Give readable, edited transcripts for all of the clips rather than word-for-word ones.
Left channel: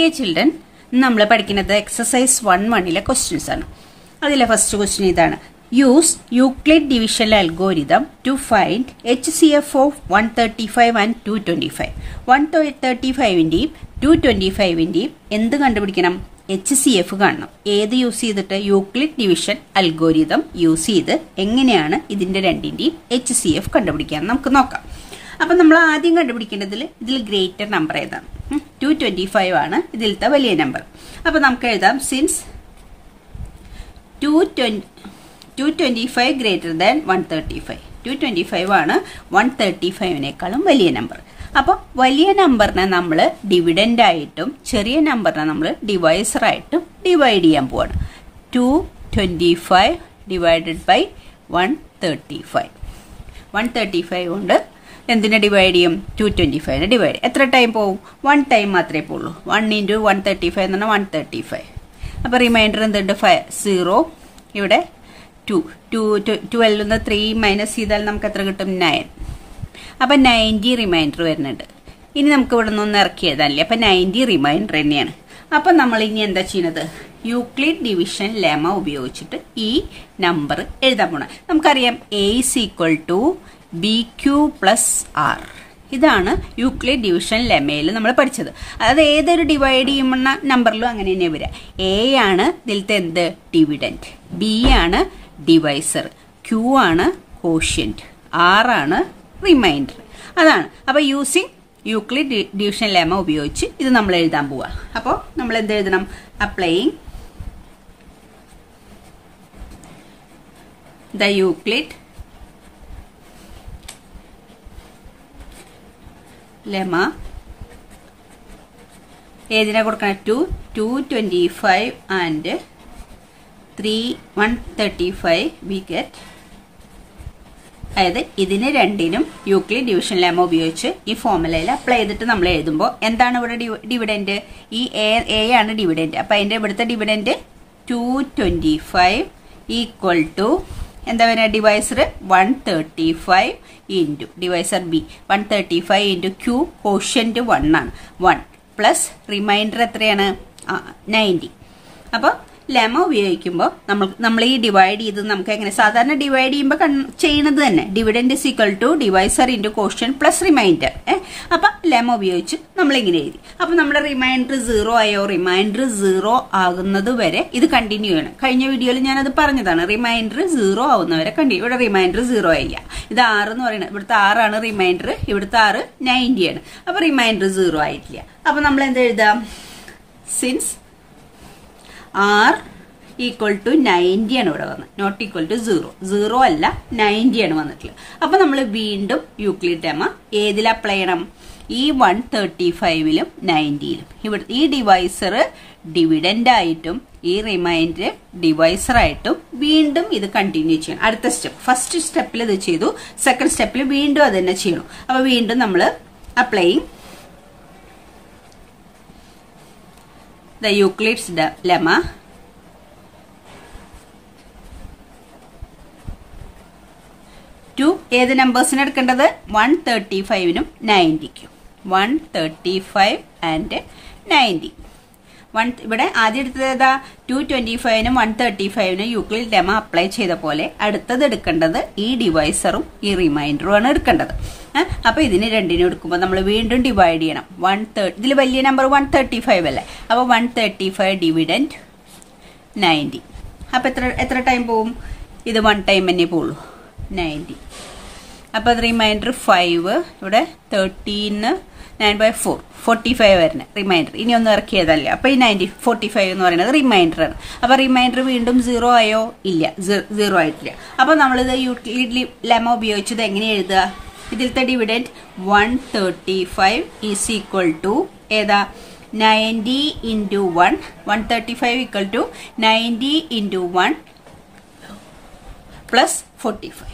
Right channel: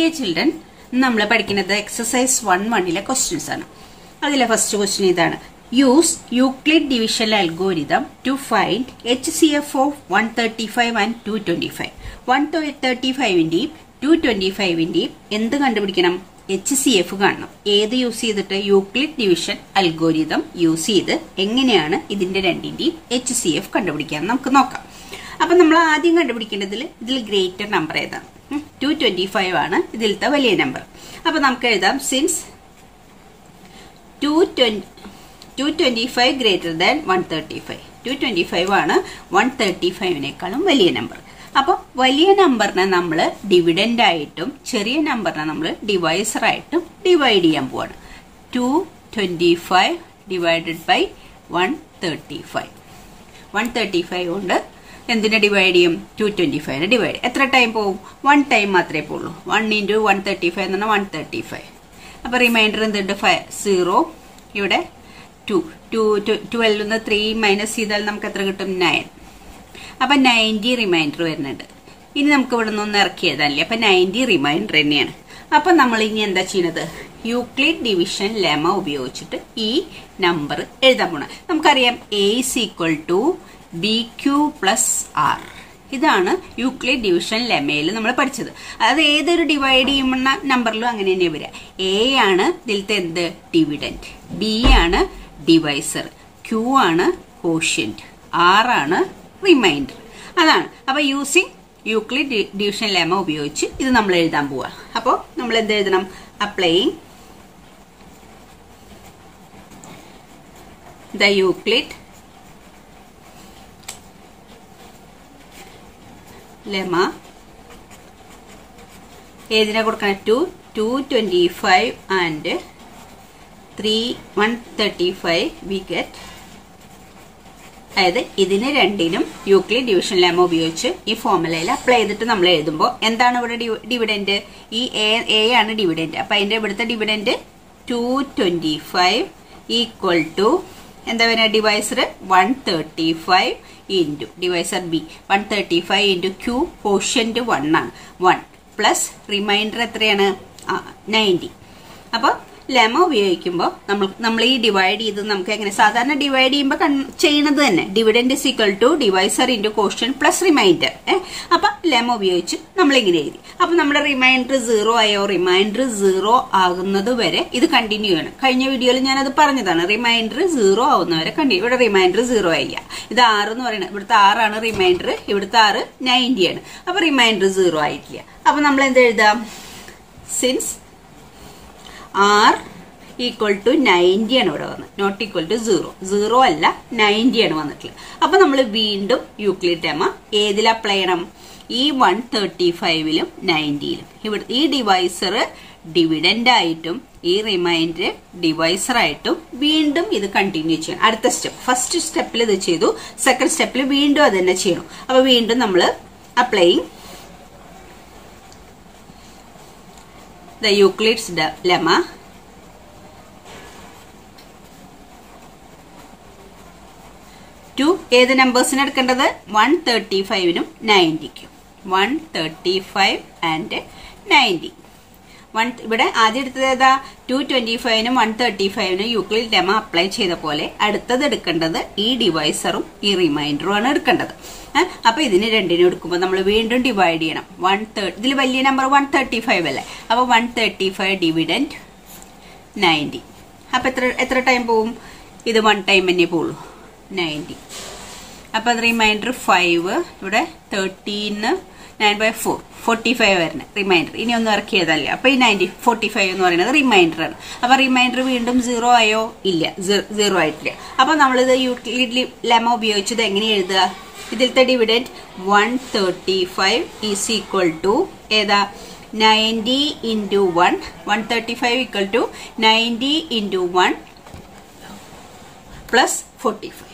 Dear children, നമ്മൾ പഠിക്കുന്നത് exercise 1-1 questions ആണ്. അതിലെ first question ഇതാണ്. Use Euclid division algorithm to find HCF of 135 and 225. 135ന്റെയും 225ന്റെയും എന്ത് കണ്ടുപിടിക്കണം? HCF കാണണം. ഏത് യൂസ് ചെയ്തിട്ട്? യൂക്ലിഡ് ഡിവിഷൻ അൽഗോരിതം യൂസ് ചെയ്ത് എങ്ങനെയാണ് ഇതിന്റെ രണ്ടിന്റെയും HCF കണ്ടുപിടിക്കാൻ നമുക്ക് നോക്കാം. അപ്പൊ നമ്മൾ ആദ്യം കണ്ടുപിടിക്കേണ്ടതിൽ ഇതിൽ ഗ്രേറ്റർ നമ്പർ ഏതാണ്? 225 ആണ് ഇതിലത്തെ വലിയ നമ്പർ. അപ്പൊ നമുക്ക് എഴുതാം സിൻസ് 225 ഗ്രേറ്റർ ദാൻ 135. 225 ആണ് 135നേക്കാളും വലിയ നമ്പർ. അപ്പൊ വലിയ നമ്പറിനെ നമ്മൾ ഡിവിഡന്റ് ആയിട്ടും ചെറിയ നമ്പറിനെ നമ്മൾ ഡിവൈസർ ആയിട്ടും ഡിവൈഡ് ചെയ്യാൻ പോവാണ്. 225 ഡിവൈഡഡ് ബൈ 135. 135 കൊണ്ട് എന്തിനെ ഡിവൈഡ് ചെയ്യും? 225നെ ഡിവൈഡ്. എത്ര ടൈം പോകും? 1 ടൈം മാത്രമേ പോകുള്ളൂ. 1 × 135 എന്ന് പറഞ്ഞാൽ 135. അപ്പൊ റിമൈൻഡർ എന്തുണ്ട്? 0. ഇവിടെ 12 3 മൈനസ് ചെയ്താൽ നമുക്ക് എത്ര കിട്ടും? 9. അപ്പൊ 90 റിമൈൻഡർ വരുന്നുണ്ട്. ഇനി നമുക്ക് ഇവിടെ നിന്ന് ഇറക്കി എഴുതാനല്ലേ. അപ്പൊ 90 റിമൈൻഡർ തന്നെയാണ്. അപ്പൊ നമ്മൾ ഇനി എന്താ ചെയ്യുന്നത്? യൂക്ലിഡ് ഡിവിഷൻ ലെമ ഉപയോഗിച്ചിട്ട് ഈ നമ്പർ എഴുതാൻ പോണ. നമുക്കറിയാം A = BQ + R. ഇതാണ് യൂക്ലിഡ് ഡിവിഷൻ ലെമയിൽ നമ്മൾ പഠിച്ചത്. അതായത് ഏതൊരു ഡിവൈഡ് ചെയ്യുന്ന നമ്പറിലും അങ്ങനെ തന്നെ വരിക. A ആണ് ഇതിലത്തെ എന്ത്? ഡിവിഡന്റ്. B ആണ് ഡിവൈസർ. Q ആണ് കോഷ്യന്റ്. R ആണ് റിമൈൻഡർ. അതാണ്. അപ്പൊ യൂസിങ് യൂക്ലിഡ് ഡിവിഷൻ ലെമ ഉപയോഗിച്ച് ഇത് നമ്മൾ എഴുതാൻ പോവാ. അപ്പോ നമ്മൾ എന്ത് എഴുതണം? Applying the Euclid lemma. ഏതിനാ കൊടുക്കണം? 225 ആൻഡ് 135 വി ഗെറ്റ്. അതായത് ഇതിന് രണ്ടിനും യൂക്ലിഡ് ഡിവിഷൻ ലെമ ഉപയോഗിച്ച് ഈ ഫോർമുലയിൽ അപ്ലൈ ചെയ്തിട്ട് നമ്മൾ എഴുതുമ്പോൾ എന്താണ് ഇവിടെ ഡിവിഡന്റ്? ഈ എ ആണ് ഡിവിഡന്റ്. അപ്പൊ അതിന്റെ ഇവിടുത്തെ ഡിവിഡന്റ് 225 ഈക്വൽ ടു എന്താ പറയുക? Divisor 135 into divisor b 135 into q quotient 1 ആണ്. 1 പ്ലസ് റിമൈൻഡർ എത്രയാണ്? 90. അപ്പൊ ലെമ ഉപയോഗിക്കുമ്പോൾ നമ്മൾ ഈ ഡിവൈഡ് ചെയ്ത് നമുക്ക് എങ്ങനെ സാധാരണ ഡിവൈഡ് ചെയ്യുമ്പോൾ ചെയ്യുന്നത് തന്നെ dividend = divisor into quotient plus reminder. അപ്പൊ ലെമ ഉപയോഗിച്ച് നമ്മൾ ഇങ്ങനെ എഴുതി. അപ്പൊ നമ്മുടെ റിമൈൻഡർ 0 ആയോ? റിമൈൻഡർ 0 ആകുന്നത് വരെ ഇത് കണ്ടിന്യൂ ചെയ്യണം. കഴിഞ്ഞ വീഡിയോയിൽ ഞാനത് പറഞ്ഞതാണ്. റിമൈൻഡർ 0 ആവുന്നവരെ കണ്ടിന്യൂ. ഇവിടെ റിമൈൻഡർ 0 ആയില്ല. ഇത് 6 എന്ന് പറയുന്നത്. ഇവിടുത്തെ 6 ആണ് റിമൈൻഡർ. ഇവിടുത്തെ 6 90 ആണ്. അപ്പൊ റിമൈൻഡർ 0 ആയിട്ടില്ല. അപ്പൊ നമ്മൾ എന്ത് എഴുതാം? സിൻസ് R = 90 ആണ് ഇവിടെ വന്നത്. Not equal to 0. 0 അല്ല 90 ആണ് വന്നിട്ടുള്ളത്. അപ്പൊ നമ്മൾ വീണ്ടും യൂക്ലിഡ് ലെമ ഏതിൽ അപ്ലൈ ചെയ്യണം? ഈ 135ലും 90ലും. ഇവിടെ ഈ ഡിവൈസർ ഡിവിഡന്റ് ആയിട്ടും ഈ റിമൈൻഡർ ഡിവൈസർ ആയിട്ടും വീണ്ടും ഇത് കണ്ടിന്യൂ ചെയ്യണം. അടുത്ത സ്റ്റെപ്പ്. ഫസ്റ്റ് സ്റ്റെപ്പിൽ ഇത് ചെയ്തു. സെക്കൻഡ് സ്റ്റെപ്പിൽ വീണ്ടും അത് തന്നെ ചെയ്യണം. അപ്പൊ വീണ്ടും നമ്മൾ applying the Euclid's lemma to ഏത് നമ്പേഴ്സിന് എടുക്കേണ്ടത്? 135നും 90ക്കും. 135 ആൻഡ് 90. ഇവിടെ ആദ്യം എടുത്തത് ഏതാ? 225നും 135നും യൂക്ലിഡ് ലെമ അപ്ലൈ ചെയ്ത പോലെ അടുത്തത് എടുക്കേണ്ടത് ഈ ഡിവൈസറും ഈ റിമൈൻഡറും ആണ് എടുക്കേണ്ടത്. അപ്പൊ ഇതിന് രണ്ടിനും എടുക്കുമ്പോൾ നമ്മൾ വീണ്ടും ഡിവൈഡ് ചെയ്യണം. 130. ഇതിൽ വലിയ നമ്പർ 135 അല്ലേ. അപ്പൊ 135 ഡിവിഡന്റ് 90. അപ്പൊ എത്ര ടൈം പോകും? ഇത് 1 ടൈം തന്നെ പോകുള്ളൂ. 90. അപ്പൊ അത് റിമൈൻഡർ 5. ഇവിടെ 13 9/4 45 വരുന്നത് റിമൈൻഡർ. ഇനി ഒന്നും ഇറക്കിയതല്ല. അപ്പൊ ഈ 45 എന്ന് പറയുന്നത് റിമൈൻഡർ ആണ്. അപ്പൊ റിമൈൻഡർ വീണ്ടും 0 ആയോ? ഇല്ല, 0 ആയിട്ടില്ല. അപ്പൊ നമ്മളിത് യൂക്ലിഡ് ലെമ ഉപയോഗിച്ചത് എങ്ങനെ എഴുതുക? ഇതിലത്തെ ഡിവിഡന്റ് 135 ഈസ് ഈക്വൽ ടു ഏതാ? 90 into 1. 135 equal to 90 into 1 plus 45.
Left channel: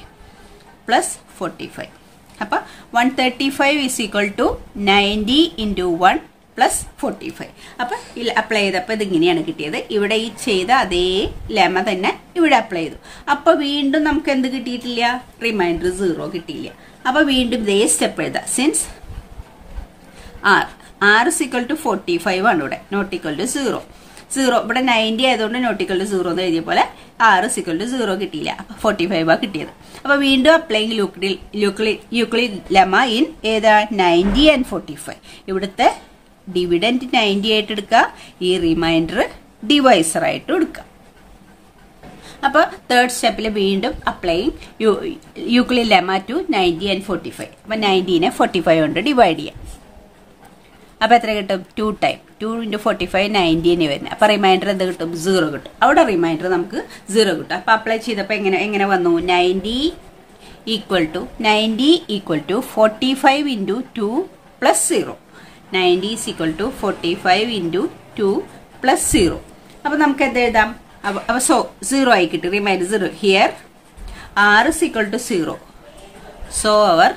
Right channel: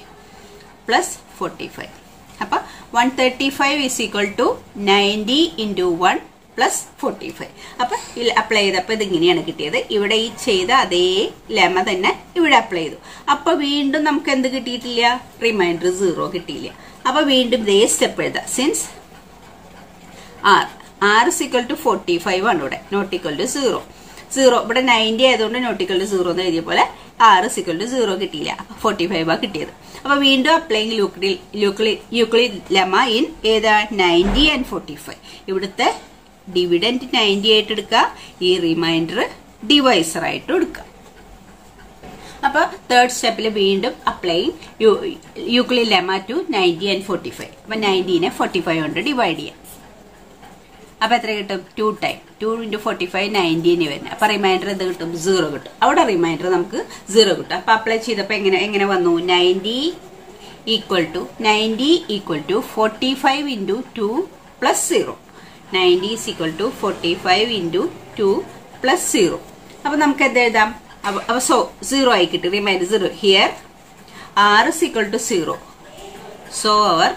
അപ്പൊ 135 is equal to 90 into 1 plus 45. അപ്പൊ അപ്ലൈ ചെയ്തപ്പോ ഇതിങ്ങനെയാണ് കിട്ടിയത്. ഇവിടെ ഈ ചെയ്ത അതേ ലെമ തന്നെ ഇവിടെ അപ്ലൈ ചെയ്തു. അപ്പൊ വീണ്ടും നമുക്ക് എന്ത് കിട്ടിയിട്ടില്ല? റിമൈൻഡർ 0 കിട്ടിയില്ല. അപ്പൊ വീണ്ടും ഇതേ സ്റ്റെപ്പ് എഴുതാം. Since R r is equal to 45 ആണ് ഇവിടെ, നോട്ട് ഈക്വൽ ടു 0. 0 ഇവിടെ 90 ആയതുകൊണ്ട് നോട്ട് ഈക്വൽ ടു 0 എന്ന് എഴുതിയ പോലെ r is equal to 0 കിട്ടിയില്ല, 45 ആ കിട്ടിയത്. അപ്പൊ വീണ്ടും അപ്ലൈങ് യൂക്ലിഡ് ലെമ്മ ഇൻ ഏതാ 90 ആൻഡ് 45. ഇവിടുത്തെ ഡിവിഡന്റ് 90 ആയിട്ട് എടുക്കുക, ഈ റിമൈൻഡർ ഡിവൈസർ ആയിട്ട് എടുക്കുക. അപ്പൊ തേർഡ് സ്റ്റെപ്പിൽ വീണ്ടും applying Euclid lemma to 90 and 45. അപ്പൊ 90നെ 45 കൊണ്ട് ഡിവൈഡ് ചെയ്യാം. അപ്പൊ എത്ര കിട്ടും? 2 ടൈം 2 × 45 90 വരുന്നത്. അപ്പൊ റിമൈൻഡർ എന്ത് കിട്ടും? 0 കിട്ടും. അവിടെ റിമൈൻഡർ നമുക്ക് 0 കിട്ടും. അപ്പൊ അപ്ലൈ ചെയ്തപ്പോ എങ്ങനെ വന്നു? 90 equal to 45 × 2 plus 0. 90 is equal to 45 × 2 plus 0. അപ്പൊ നമുക്ക് എന്ത് എഴുതാം? അപ്പൊ 0 ആയി കിട്ടും, remainder 0. Here r is equal to 0. So our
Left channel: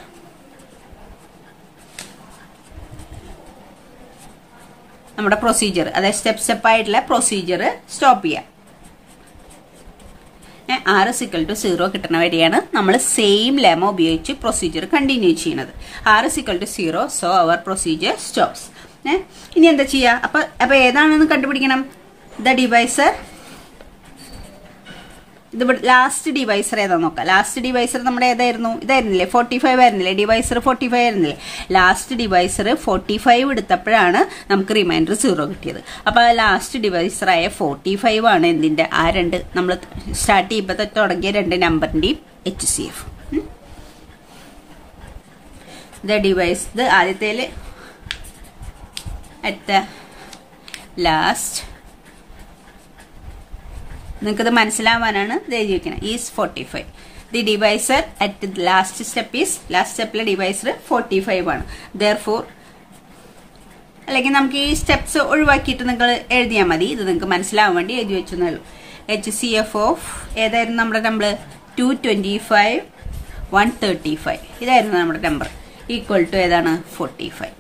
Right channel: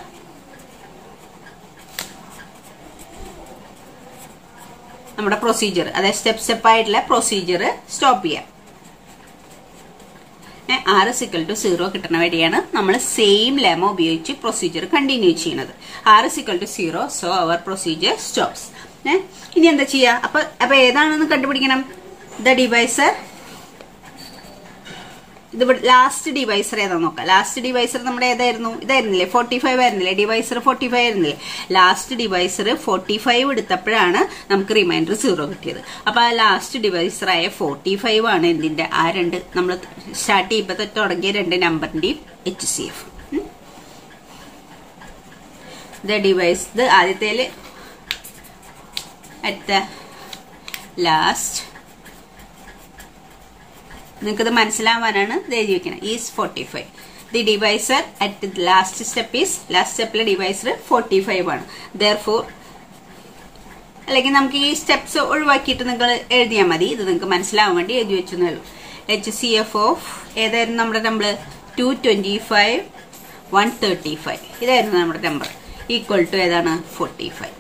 നമ്മുടെ പ്രൊസീജിയർ, അതായത് സ്റ്റെപ്പ് ആയിട്ടുള്ള പ്രൊസീജിയർ സ്റ്റോപ്പ് ചെയ്യാം. r is equal to 0 കിട്ടുന്ന വരെയാണ് നമ്മൾ സെയിം ലെമ ഉപയോഗിച്ച് പ്രൊസീജിയർ കണ്ടിന്യൂ ചെയ്യുന്നത്. r is equal to 0, so our procedure stops. ഇനി എന്താ ചെയ്യാ? അപ്പൊ ഏതാണെന്ന് കണ്ടുപിടിക്കണം. ദ ഡിവൈസർ, ഇത് ലാസ്റ്റ് ഡിവൈസർ ഏതാ നോക്കാം. ലാസ്റ്റ് ഡിവൈസർ നമ്മുടെ ഏതായിരുന്നു? ഇതായിരുന്നില്ലേ? 45 ആയിരുന്നില്ലേ? ഡിവൈസർ 45 ആയിരുന്നില്ലേ? ലാസ്റ്റ് ഡിവൈസർ 45 എടുത്തപ്പോഴാണ് നമുക്ക് റിമൈൻഡർ 0 കിട്ടിയത്. അപ്പൊ ആ ലാസ്റ്റ് ഡിവൈസർ ആയ 45 ആണ് എന്തിന്റെ? ആ രണ്ട് നമ്മൾ സ്റ്റാർട്ട് ചെയ്യുമ്പോ തുടങ്ങിയ രണ്ട് നമ്പറിന്റെയും HCF. ദ ഡിവൈസ്, ഇത് ആദ്യത്തേല് അറ്റ് ദ ലാസ്റ്റ്, നിങ്ങൾക്കത് മനസ്സിലാവാനാണ് ഇത് എഴുതി വെക്കണം. Is 45. The divisor at last സ്റ്റെപ്പിലെ ഡിവൈസർ 45 ആണ്. ദെയർഫോർ, അല്ലെങ്കിൽ നമുക്ക് ഈ സ്റ്റെപ്സ് ഒഴിവാക്കിയിട്ട് നിങ്ങൾ എഴുതിയാൽ മതി. ഇത് നിങ്ങൾക്ക് മനസ്സിലാവാൻ വേണ്ടി എഴുതി വെച്ചെന്നുള്ളൂ. HCF ഓഫ് ഏതായിരുന്നു നമ്മുടെ നമ്പർ? 225 135 ഇതായിരുന്നു നമ്മുടെ നമ്പർ. ഈക്വൽ ടു ഏതാണ്? 45.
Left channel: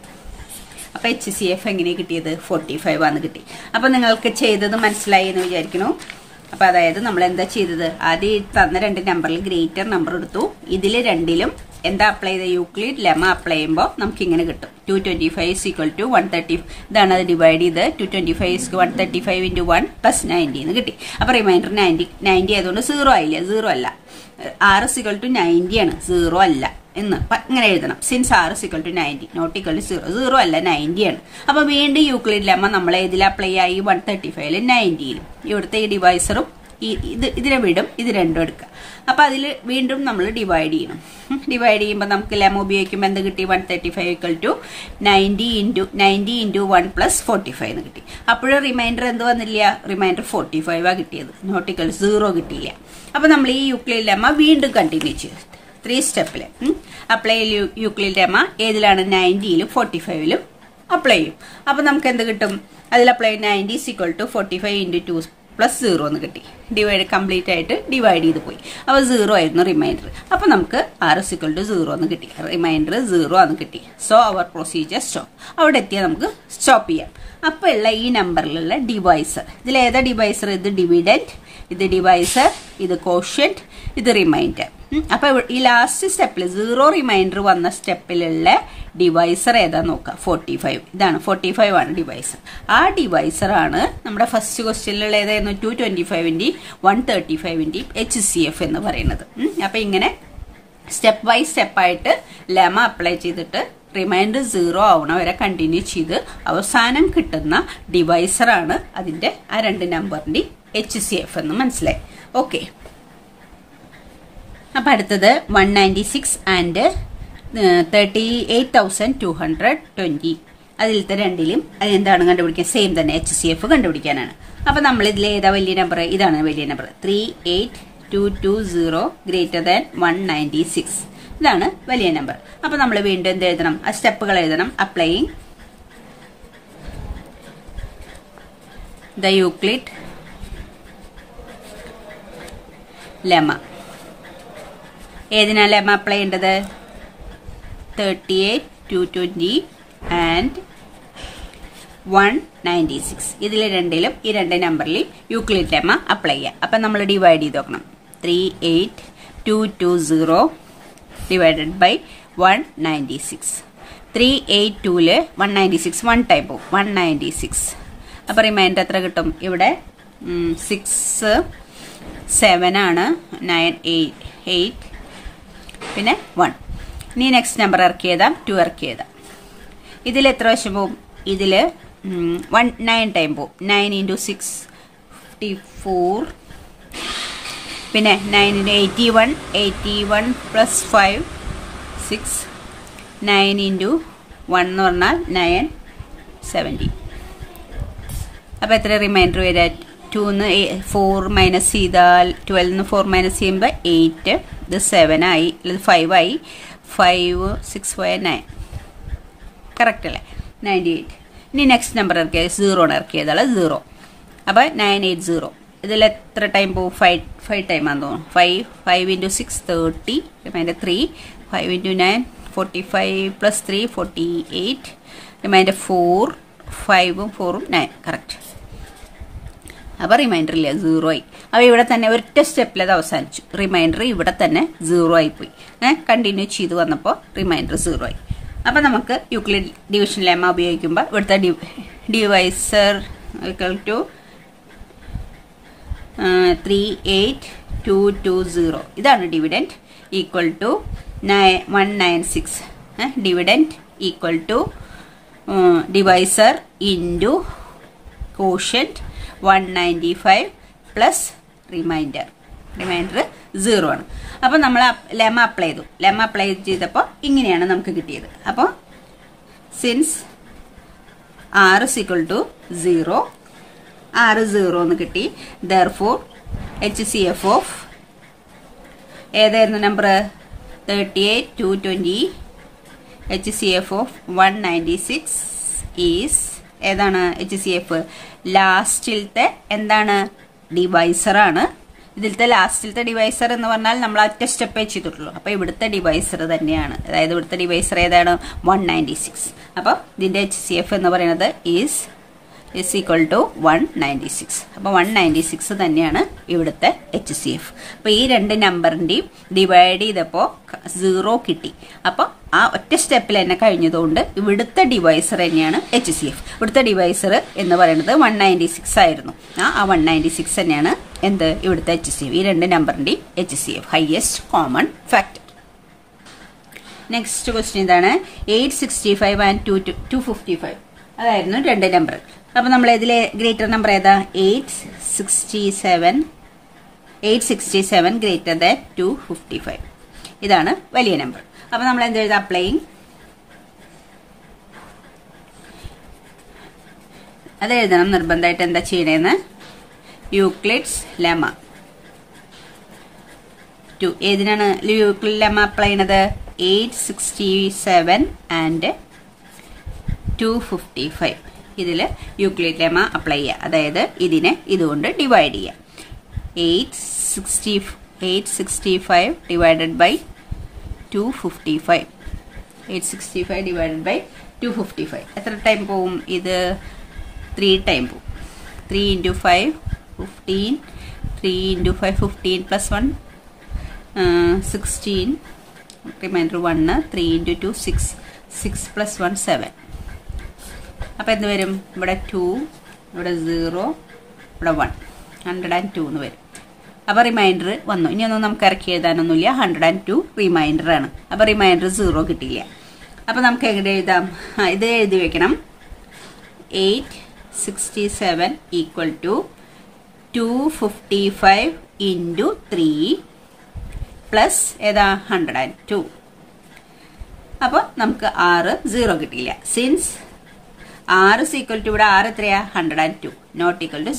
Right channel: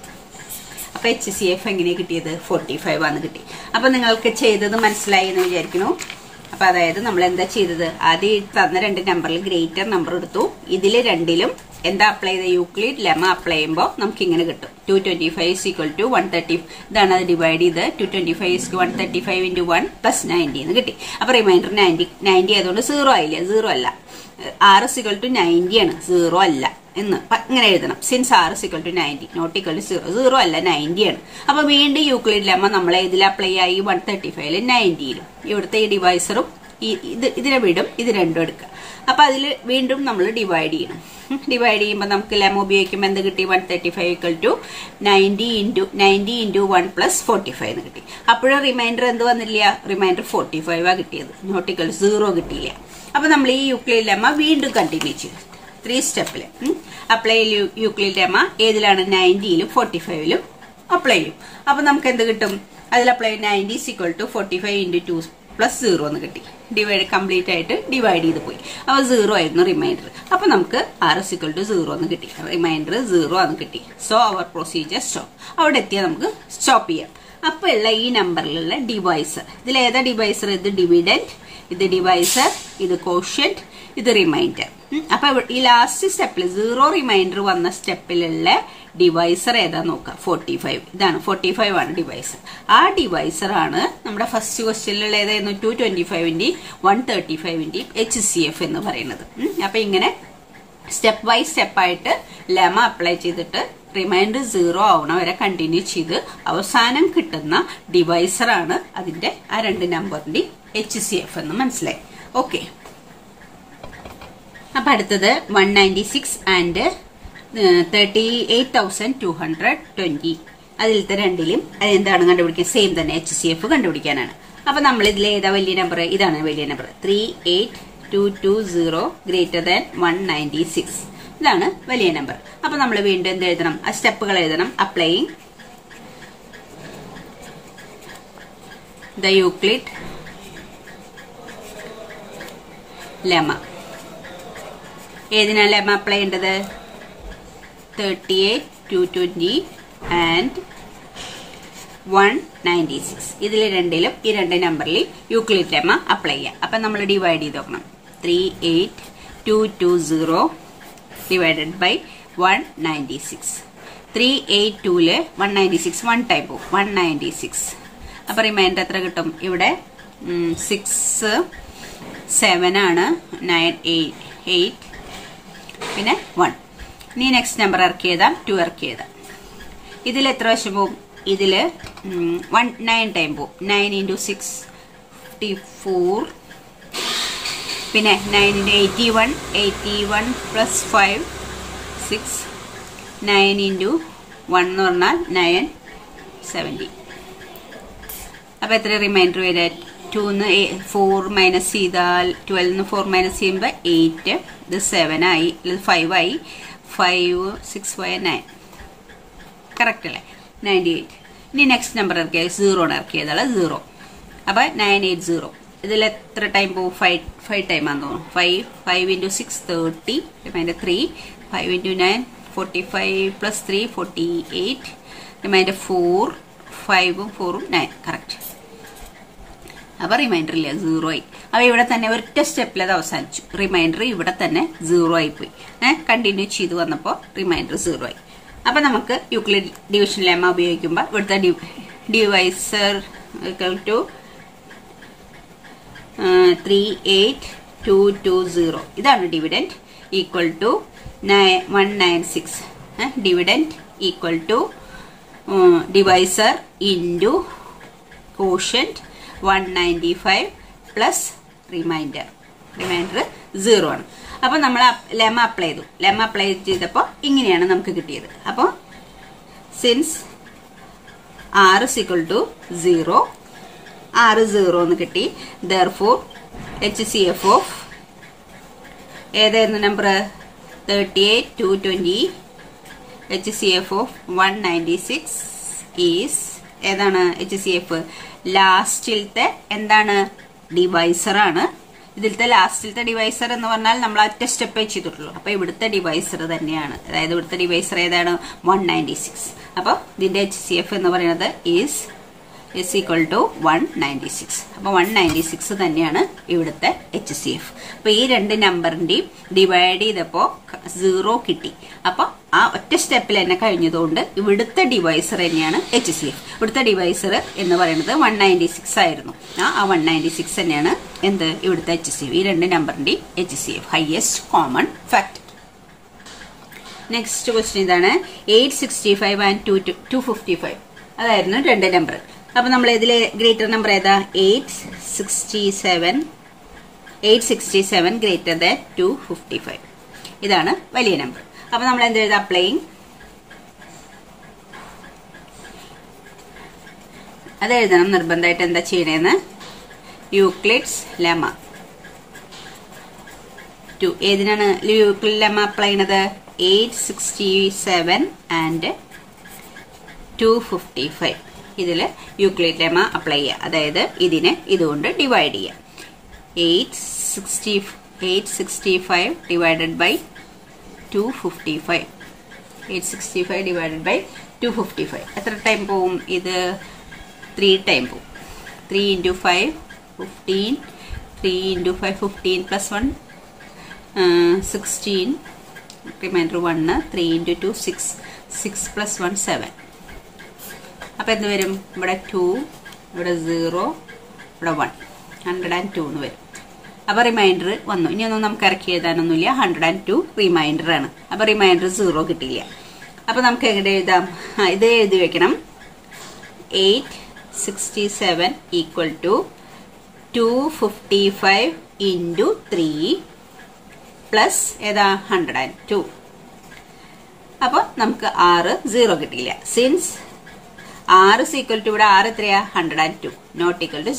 അപ്പൊ HCF എങ്ങനെ കിട്ടിയത്? 45 ആണ് കിട്ടി. അപ്പൊ നിങ്ങൾക്ക് ചെയ്തത് മനസ്സിലായി എന്ന് വിചാരിക്കുന്നു. അപ്പൊ അതായത് നമ്മൾ എന്താ ചെയ്തത്? ആദ്യം തന്ന രണ്ട് നമ്പറിൽ ഗ്രേറ്റർ നമ്പർ എടുത്തു. ഇതില് രണ്ടിലും എന്താ അപ്ലൈ ചെയ്ത? യൂക്ലിഡ് ലെമ്മ അപ്ലൈ ചെയ്യുമ്പോൾ നമുക്ക് ഇങ്ങനെ കിട്ടും. 225 ഈക്വൽ ടു 130. ഇതാണ് അത് ഡിവൈഡ് ചെയ്ത് 225 135 × 1 പ്ലസ് 90 എന്ന് കിട്ടി. അപ്പൊ റിമൈൻഡർ 90 ആയതുകൊണ്ട് 0 ആയില്ല, 0 അല്ല. r is equal to 90 ആണ്, 0 അല്ല എന്ന് ഇങ്ങനെ എഴുതണം. Since r is equal to 90 not equal to 0, 0 അല്ല 90 ആണ്. അപ്പൊ വീണ്ടും യൂക്ലിഡ് ലെമ്മ നമ്മൾ ഇതിൽ അപ്ലൈ ആയി 135ലും 90ലും. ഇവിടുത്തെ ഈ ഡിവൈസറും ഇതിനെ വിടും, ഇത് രണ്ടും എടുക്കുക. അപ്പൊ അതിൽ വീണ്ടും നമ്മൾ ഡിവൈഡ് ചെയ്യണം. ഡിവൈഡ് ചെയ്യുമ്പോൾ നമുക്ക് ലെമ്മ ഉപയോഗിക്കുമ്പോൾ എന്ത് കിട്ടി? 135 ഈക്വൽ ടു 90 × 1 പ്ലസ് 45 എന്ന് കിട്ടി. അപ്പോഴും റിമൈൻഡർ എന്ത് വന്നില്ല? റിമൈൻഡർ 45 ആ കിട്ടിയത്, നോട്ട് ഈക്വൽ 0 കിട്ടിയില്ല. അപ്പൊ നമ്മൾ ഈ യൂക്ലിഡ് ലെമ്മ വീണ്ടും കണ്ടിന്യൂ ചെയ്തു 3 സ്റ്റെപ്പില്. അപ്ലൈ യൂക്ലിഡ് ലെമ്മ ഏതിലാണ്? 90ലും 45ലും അപ്ലൈ ചെയ്യും. അപ്പൊ നമുക്ക് എന്ത് കിട്ടും? അതിൽ apply 90 is equal to 45 × 2 plus 0 എന്ന് കിട്ടി. ഡിവൈഡ് കംപ്ലീറ്റ് ആയിട്ട് ഡിവൈഡ് ചെയ്ത് പോയി. അപ്പൊ 0 ആയിരുന്നു റിമൈൻഡർ. അപ്പൊ നമുക്ക് r is equal to 0 എന്ന് കിട്ടി. റിമൈൻഡർ 0 ആണ് കിട്ടി. സോ അവർ പ്രൊസീജിയർ സ്റ്റോപ്പ്. അവിടെ എത്തിയാൽ നമുക്ക് സ്റ്റോപ്പ് ചെയ്യാം. അപ്പൊ ഉള്ള ഈ നമ്പറിലുള്ള ഡിവൈസർ, ഇതിൽ ഏതാ ഡിവൈസർ? ഇത് ഡിവിഡന്റ്, ഇത് ഡിവൈസർ, ഇത് കോഷ്യന്റ്, ഇത് റിമൈൻഡർ. അപ്പൊ ഈ ലാസ്റ്റ് സ്റ്റെപ്പിൽ 0 റിമൈൻഡർ വന്ന സ്റ്റെപ്പിലുള്ള ഡിവൈസർ ഏതാ നോക്കാം? 45. ഇതാണ് 45 ആണ് ഡിവൈസർ. ആ ഡിവൈസർ ആണ് നമ്മുടെ ഫസ്റ്റ് ക്വസ്റ്റ്യനിലുള്ള ഏതായിരുന്നു? 225ന്റെയും 135ന്റെയും HCF എന്ന് പറയുന്നത്. അപ്പൊ ഇങ്ങനെ സ്റ്റെപ്പ് ബൈ സ്റ്റെപ്പ് ആയിട്ട് ലെമ അപ്ലൈ ചെയ്തിട്ട് റിമൈൻഡർ 0 ആവണ വരെ കണ്ടിന്യൂ ചെയ്ത് അവസാനം കിട്ടുന്ന ഡിവൈസർ ആണ് അതിന്റെ ആ രണ്ട് നമ്പറിന്റെ HCF എന്ന് മനസ്സിലായി. ഓക്കെ. അപ്പൊ അടുത്തത് 196 ആൻഡ് 38,220. അതിലത്തെ രണ്ടിലും അതെന്താണ് കണ്ടുപിടിക്കാൻ? സെയിം തന്നെ, HCF കണ്ടുപിടിക്കാനാണ്. അപ്പൊ നമ്മൾ ഇതിൽ ഏതാ വലിയ നമ്പർ? ഇതാണ് വലിയ നമ്പർ. 38220 greater than 196. ഇതാണ് വലിയ നമ്പർ. അപ്പൊ നമ്മൾ വീണ്ടും എന്ത് എഴുതണം? ആ സ്റ്റെപ്പുകൾ എഴുതണം. Applying the Euclid lemma. ഏതിനാ ലെമ്മ അപ്ലൈ ചെയ്യേണ്ടത്? 38,220 ആൻഡ് 196. ഇതിൽ രണ്ടിലും ഈ രണ്ട് നമ്പറിൽ യൂക്ലിഡ് ലെമ്മ അപ്ലൈ ചെയ്യാം. അപ്പൊ നമ്മൾ ഡിവൈഡ് ചെയ്ത് നോക്കണം. 38,220 ഡിവൈഡഡ് ബൈ 196. 382 196 1 ടൈം പോകും 196. അപ്പൊ റിമൈൻഡർ എത്ര കിട്ടും? ഇവിടെ 6 7 ആണ്, 9 8 പിന്നെ 1. ഇനി നെക്സ്റ്റ് നമ്പർ ഇറക്കിയതാ 2 ഇറക്കിയതാ. ഇതിൽ എത്ര വശം പോകും? ഇതില് 9 ടൈം പോകും. 9 × 6 54 പിന്നെ 9 × 81 81 പ്ലസ് 5 6 9 × 1 എന്ന് പറഞ്ഞാൽ 9 70. അപ്പൊ എത്ര റിമൈൻഡർ വരിക? 2 4 മൈനസ് ചെയ്താൽ 12 4 മൈനസ് ചെയ്യുമ്പോൾ 8. ഇത് 7 ആയി, 5 ആയി. 5 6 5 9 കറക്റ്റ് അല്ലേ? 98. ഇനി നെക്സ്റ്റ് നമ്പർ ഇറക്കിയത് 0 ആണ് ഇറക്കിയതാണ് 0. അപ്പൊ 980. ഇതിൽ എത്ര ടൈം പോകും? 5 ടൈം ആണെന്ന് തോന്നുന്നു. 5 × 6 30 റിമൈൻഡർ 3 5 × 9 45 പ്ലസ് 3 48 റിമൈൻഡർ 4 5ഉം 4ഉം 9 കറക്റ്റ്. അപ്പൊ റിമൈൻഡർ ഇല്ല, 0 ആയി. അപ്പൊ ഇവിടെ തന്നെ ഒറ്റ സ്റ്റെപ്പിൽ അത് അവസാനിച്ചു. റിമൈൻഡർ ഇവിടെ തന്നെ 0 ആയി പോയി. കണ്ടിന്യൂ ചെയ്ത് വന്നപ്പോ റിമൈൻഡർ 0 ആയി. അപ്പൊ നമുക്ക് യൂക്ലിഡ് ഡിവിഷൻ ലെമ്മ ഉപയോഗിക്കുമ്പോൾ ഇവിടുത്തെ ഡിവൈസർ ഈക്വൽ ടു 38220. ഇതാണ് dividend equal to 196. Dividend equal to divisor into quotient 195 plus remainder 0 ആണ്. അപ്പൊ നമ്മൾ ലെമ്മ അപ്ലൈ ചെയ്തു. ലെമ്മ അപ്ലൈ ചെയ്തപ്പോ ഇങ്ങനെയാണ് നമുക്ക് കിട്ടിയത്. അപ്പൊ since r is equal to 0, r 0 എന്ന് കിട്ടി. therefore HCF ഓഫ് ഏതായിരുന്നു നമ്പർ? 38 220. HCF ഓഫ് 196 ഈസ് ഏതാണ്? HCF ലാസ്റ്റിലത്തെ എന്താണ്? ഡിവൈസർ ആണ്. ഇതിലത്തെ ലാസ്റ്റിലത്തെ ഡിവൈസർ എന്ന് പറഞ്ഞാൽ നമ്മൾ ഒറ്റ സ്റ്റെപ്പേ ചെയ്തിട്ടുള്ളൂ. അപ്പൊ ഇവിടുത്തെ ഡിവൈസർ തന്നെയാണ്. അതായത് ഇവിടുത്തെ ഡിവൈസർ ഏതാണ്? 196. അപ്പൊ ഇതിന്റെ HCF എന്ന് പറയുന്നത് ഈസ് ഈക്വൽ ടു 196. അപ്പൊ 196 തന്നെയാണ് ഇവിടുത്തെ HCF. അപ്പൊ ഈ രണ്ട് നമ്പറിന്റെയും ഡിവൈഡ് ചെയ്തപ്പോ 0 കിട്ടി. അപ്പൊ ആ ഒറ്റ സ്റ്റെപ്പിൽ തന്നെ കഴിഞ്ഞതുകൊണ്ട് ഇവിടുത്തെ ഡിവൈസർ തന്നെയാണ് HCF. ഇവിടുത്തെ ഡിവൈസർ എന്ന് പറയുന്നത് 196 ആയിരുന്നു. ആ 196 തന്നെയാണ് എന്ത്? ഇവിടുത്തെ HCF. ഈ രണ്ട് നമ്പറിന്റെയും HCF, highest common factor. Next question ഇതാണ്. 865 ആൻഡ് 255. അതായിരുന്നു രണ്ട് നമ്പർ. അപ്പൊ നമ്മൾ ഇതിലെ ഗ്രേറ്റർ നമ്പർ ഏതാ? 867 ഗ്രേറ്റർ ദാൻ 255. ഇതാണ് വലിയ നമ്പർ. അപ്പൊ നമ്മൾ എന്ത് എഴുതാം? അപ്ലൈയിങ്. അത് എഴുതണം നിർബന്ധമായിട്ട്. എന്താ ചെയ്യണേന്ന്? Euclid's lemma 2. ഏതിനാണ് യൂക്ലിഡ് ലെമ്മ അപ്ലൈ ചെയ്യണത്? 867 ആൻഡ് 255. ഇതില് യൂക്ലിഡ് ലെമ്മ അപ്ലൈ ചെയ്യുക. അതായത് ഇതിനെ ഇതുകൊണ്ട് ഡിവൈഡ് ചെയ്യുക. 865 ഡിവൈഡഡ് ബൈ 255. 865 ഡിവൈഡഡ് ബൈ 255 എത്ര ടൈം പോവും? ഇത് 3 ടൈം പോവും. 3 × 5 15. 3 × 5 15 പ്ലസ് 1 16. റിമൈൻഡർ 1. 3 × 2 6. 6 പ്ലസ് 1 7. അപ്പൊ എന്ത് വരും? ഇവിടെ 2, ഇവിടെ 0, ഇവിടെ 1. 102 എന്ന് വരും. അപ്പൊ റിമൈൻഡർ വന്നു. ഇനിയൊന്നും നമുക്ക് ഇറക്കി എഴുതാനൊന്നുമില്ല. 102 റിമൈൻഡർ ആണ്. അപ്പൊ റിമൈൻഡർ 0 കിട്ടിയില്ല. അപ്പൊ നമുക്ക് എങ്ങനെ എഴുതാം? ഇത് എഴുതി വെക്കണം. 867 ഈക്വൽ ടു 255 ഇൻറ്റു 3 പ്ലസ് ഏതാ? 102. അപ്പൊ നമുക്ക് 0 കിട്ടിയില്ല. Since r is equal to ഇവിടെ r എത്രയാ? 102. നോട്ട് ഈക്വൽ ടു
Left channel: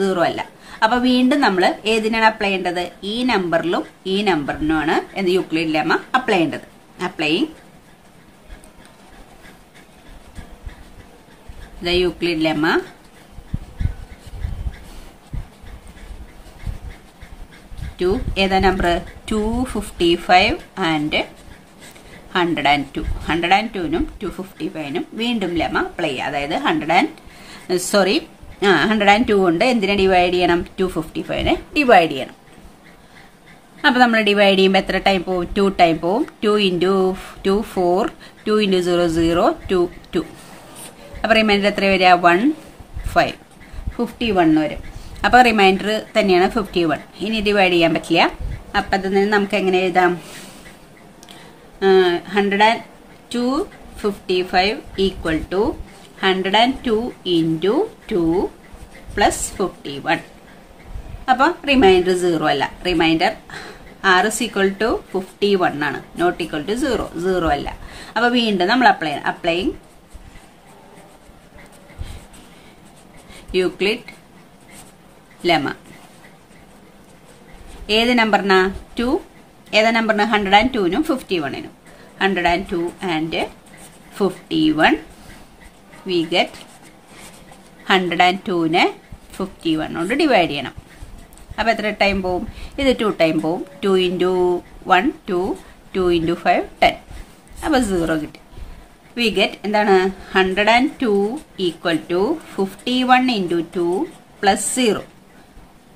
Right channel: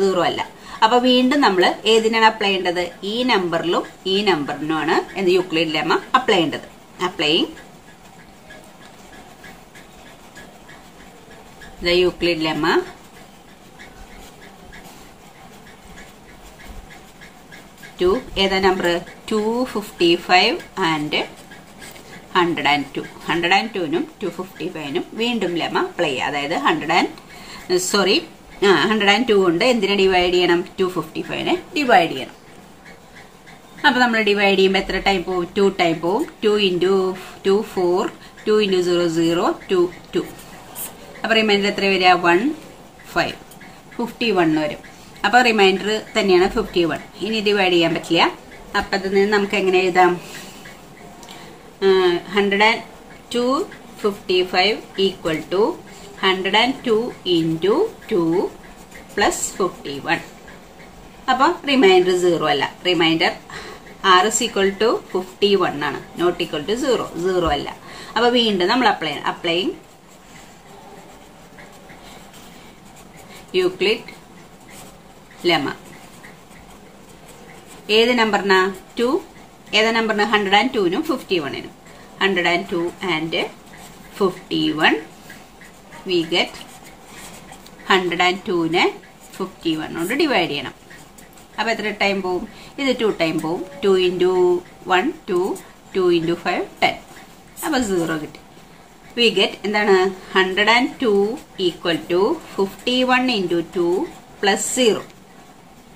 0 അല്ല. അപ്പൊ വീണ്ടും നമ്മൾ ഏതിനാണ് അപ്ലൈ ചെയ്യേണ്ടത്? ഈ നമ്പറിലും ഈ നമ്പറിനുമാണ് എന്ന് യൂക്ലിഡ് ലെമ്മ അപ്ലൈ ചെയ്യേണ്ടത്. Applying the Euclid lemma to ഏതാ നമ്പർ? 255 ആൻഡ് 102. 102നും 255നും വീണ്ടും ലെമ്മ അപ്ലൈ ചെയ്യുക. അതായത് 102 കൊണ്ട് എന്തിനെ ഡിവൈഡ് ചെയ്യണം? 255നെ ഡിവൈഡ് ചെയ്യണം. അപ്പൊ നമ്മൾ ഡിവൈഡ് ചെയ്യുമ്പോൾ എത്ര ടൈം പോവും? 2 ടൈം പോവും. 2 into 2 4, 2 into 0 0, 2 2. അപ്പൊ റിമൈൻഡർ എത്ര വരിക? 1 5, 51 വരും. അപ്പൊ റിമൈൻഡർ തന്നെയാണ് 51. ഇനി ഡിവൈഡ് ചെയ്യാൻ പറ്റില്ല. അപ്പൊ അതിൽ നിന്ന് നമുക്ക് എങ്ങനെ എഴുതാം? 102 55 equal to 102 into 2 plus 51. അപ്പൊ റിമൈൻഡർ 0 അല്ല. Remainder r is equal to 51 ആണ്, നോട്ട് ഈക്വൽ ടു 0 അല്ല. അപ്പൊ വീണ്ടും നമ്മൾ അപ്ലൈയിങ് യൂക്ലിഡ് ലെമ. ഏത് നമ്പറിനാ? 2. ഏതാ നമ്പറിന്? 102നും 51നും. 102 and 51 we get 102നെ 51 കൊണ്ട് ഡിവൈഡ് ചെയ്യണം. അപ്പൊ എത്ര ടൈം പോവും? ഇത് 2 ടൈം പോവും. 2 into 1 2, 2 into 5 10. അപ്പൊ 0 കിട്ടി. വി ഗെറ്റ് എന്താണ്? 102 ഈക്വൽ ടു 51 into 2 plus 0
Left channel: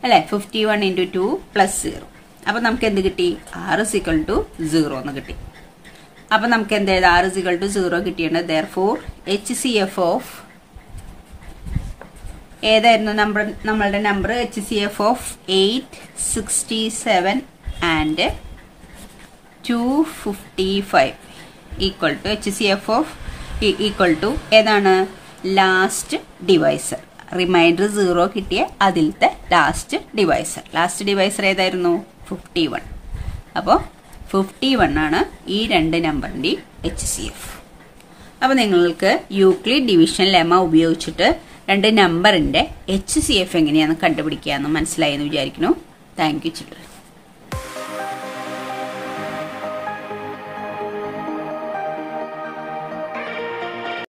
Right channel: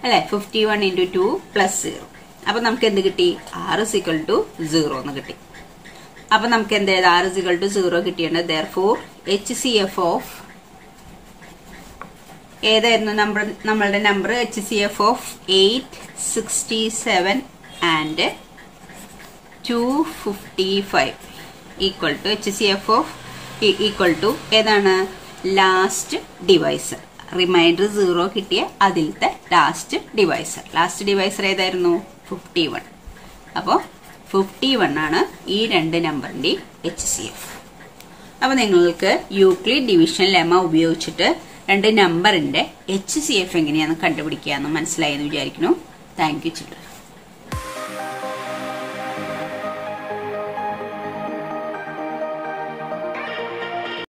അല്ലെ? 51 into 2 plus 0. അപ്പൊ നമുക്ക് എന്ത് കിട്ടി? r is equal to 0 എന്ന് കിട്ടി. അപ്പൊ നമുക്ക് എന്ത് ചെയ്ത്? r is equal to 0 കിട്ടിയുണ്ട്. therefore HCF ഓഫ് ഏതായിരുന്നു നമ്മളുടെ number? HCF of 867 and 255 equal to HCF of equal to ഏതാണ്? Last divisor. റിമൈൻഡർ 0 കിട്ടിയ അതിലത്തെ ലാസ്റ്റ് ഡിവൈസർ. ലാസ്റ്റ് ഡിവൈസർ ഏതായിരുന്നു? 51. അപ്പോ 51 ആണ് ഈ രണ്ട് നമ്പറിന്റെ HCF. അപ്പൊ നിങ്ങൾക്ക് യൂക്ലിഡ് ഡിവിഷൻ ലെമ ഉപയോഗിച്ചിട്ട് രണ്ട് നമ്പറിന്റെ HCF എങ്ങനെയാണെന്ന് കണ്ടുപിടിക്കാമെന്ന് മനസ്സിലായെന്ന് വിചാരിക്കുന്നു. Thank you children.